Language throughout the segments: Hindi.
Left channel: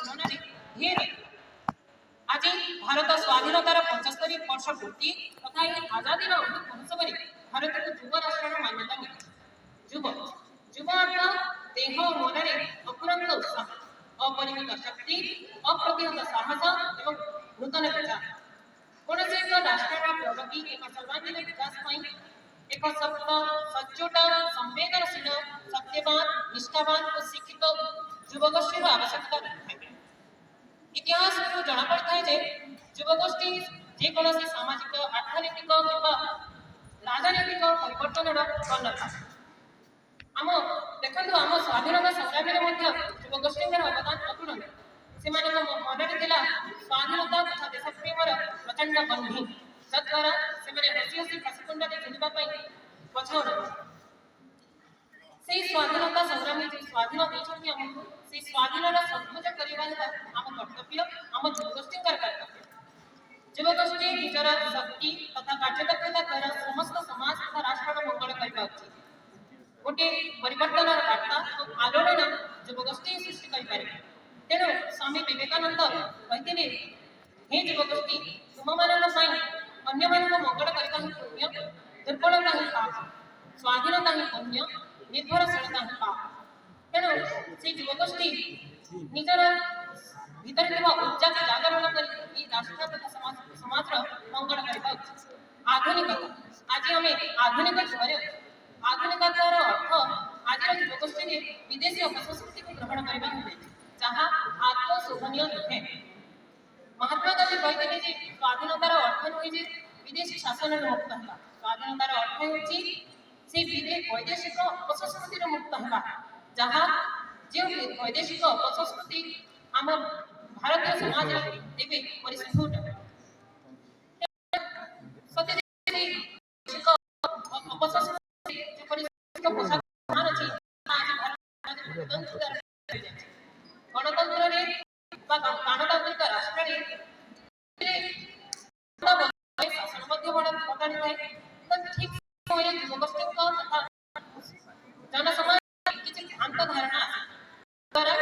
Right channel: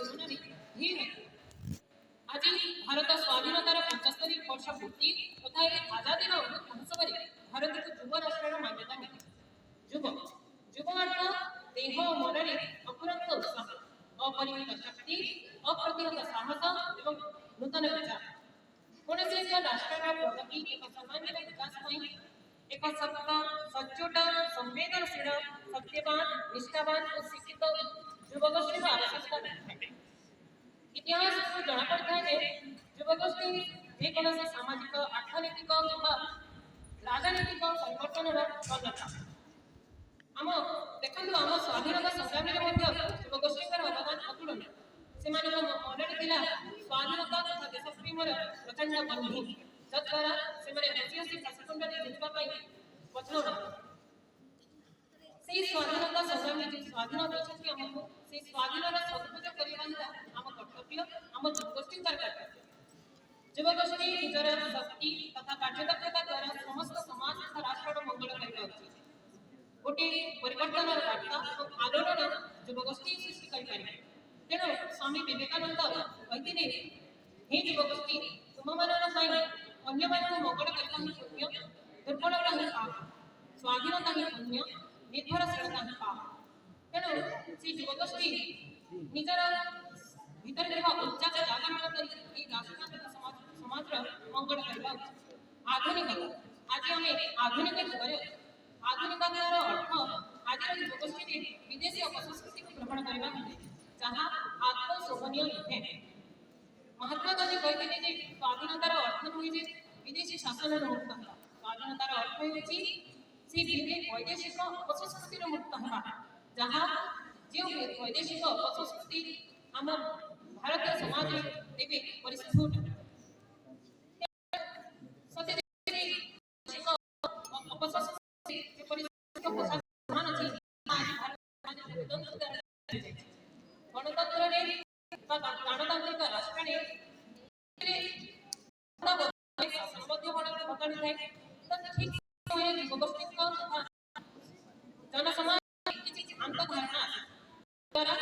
तुलन में ढेर आज भारत स्वाधीनतार 75 वर्ष पूर्ति तथा आजादी अमृत महोत्सव भारत को युव राष्ट्र मान्यता मिली। युव युव अर्थ देह मन में अपुरंत उत्साह अपरिमित शक्ति अप्रतिहत साहस और नूतन विचार कौन से एक राष्ट्र प्रगति एक सर्वांगीन विकास एक सक्त सचोट संवेदनशील सत्यवान निष्ठावान और शिक्षित युवगोष्ठी आवश्यकता है। इतिहास को जना पड़ता है युवगोष्ठी जेकोसी सामाजिक अर्थनैतिक राजनैतिक परिवर्तन कर्णधार आम देखो आम स्वाधीनता संग्राम युवगोष्ठी अवदान अतुलनीय से मन में स्वाधीनता तथा देशप्रेमर प्रचंड बंधी जद्वारा से हसी हसी फाँसीकुंड झुलवाई पछाऊ से स्वाधीनता संग्रामी जो स्वाधीन देते आमको से स्वाधीन सदुपयोग करने आम कर्तव्य आम युवगोष्ठी कर्तव्य। युवगोष्ठी निजर शक्ति तथा कार्यदक्षता द्वारा समस्त समाज तथा राष्ट्र मंगल करने उचित गोटे परिवर्तन वार्ता और आलोड़न युवगोष्ठी सृष्टि करें। तेणु स्वामी विवेकानंद कहते हे युवगोष्ठी तुम मान अन्य मंगल करने ही पुण्य दुर्बलता ही पाप स्वाधीनता ही पुण्य निर्भरशीलता ही पाप। तेणु से युवगोष्ठी निजर भीतर ऊर्जा को जागरण कर राष्ट्र तथा समाज मंगल करने उचित। आधुनिकता आज आम आधुनिक युग आधुनिकतार अर्थ आज युवगोष्ठी विदेशी अपसंस्कृति को ग्रहण करने जहाँ आत्मशोभनीय नुहे। महात्मा गांधी कहते स्वाधीनतार अर्थ नुहे विदेशी शासन मुक्त होगा स्वाधीनतार अर्थ हो वैदेशिक अपसंस्कृति मुक्त होगा जहाँ जो वैदेशिक अपसंस्कृति आम भारतीय समाज एवं परिस्फुट गणतंत्र गणतांत्रिक राष्ट्र शासन बदली है ठीक समय युवगोष्ठी जनसमाज किसी भ्रांत धारणा द्वारा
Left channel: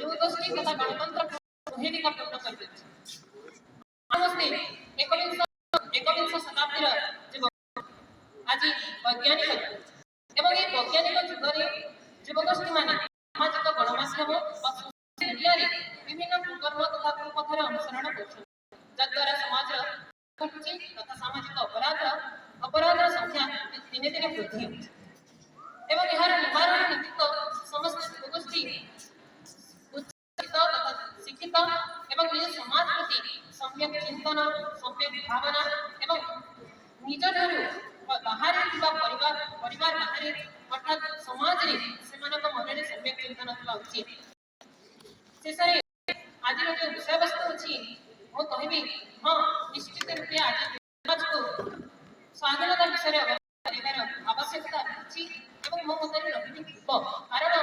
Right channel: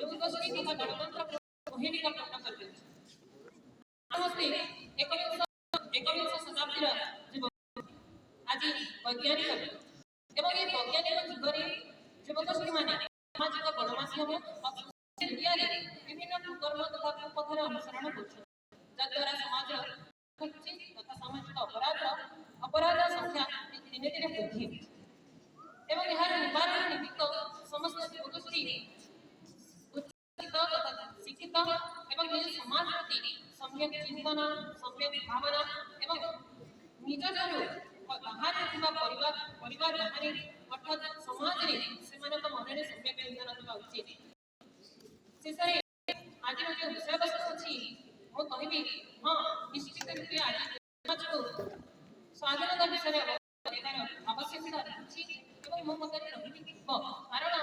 युवगोष्ठी तथा गणतंत्र भूमिका पूर्ण कर एकविंश शताब्दी आज वैज्ञानिक एवं ये वैज्ञानिक जुगरे युवगोष्ठी मान सामाजिक गणमाध्यम मीडिया विभिन्न कुकर्म तथा कुपथर अनुसरण करद्वारा समाज तथा सामाजिक अपराध संख्या दिन दिन वृद्धि एवं यार निवारण निमित्त समस्त युवगोष्ठी शिक्षित एवं निज समाज प्रति सम्यक चिंतन सम्यक भावना एवं निज बाहर परिवार बाहर अर्थात समाज से मन में सम्यक चिंतन था उचित। शेष आज जो विषय वस्तु अच्छी मुझे हाँ निश्चित रूपे आज को स्वाधीनता विषय आवश्यकता अच्छी मो मत रही कारण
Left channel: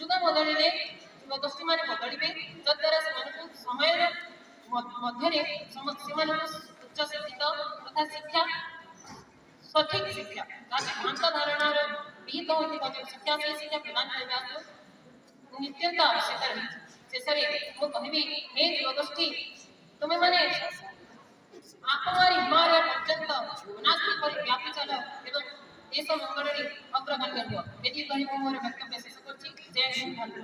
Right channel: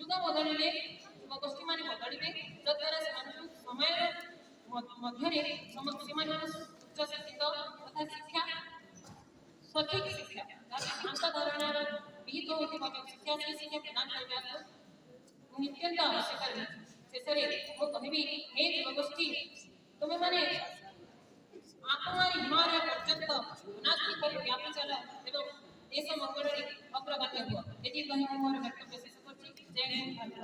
जुग बदलिले युवगोष्ठी मैंने बदलिए जद्वारा समय मध्य उच्च शिक्षित तथा शिक्षा सठिक शिक्षा भ्रांत धारणार विहित होता शिक्षा से शिक्षा प्रदान करने नित्यंत आवश्यक रही। शेष में कहबी हे युवगोष्ठी तुम्हें मैंने आत्मारी हिमालय पर्यंत अनाथ व्यापी चल एवं देश मंगल अग्रगण्य हुआ ये कही मोर वक्तव्य शेष कर। जय हिंद।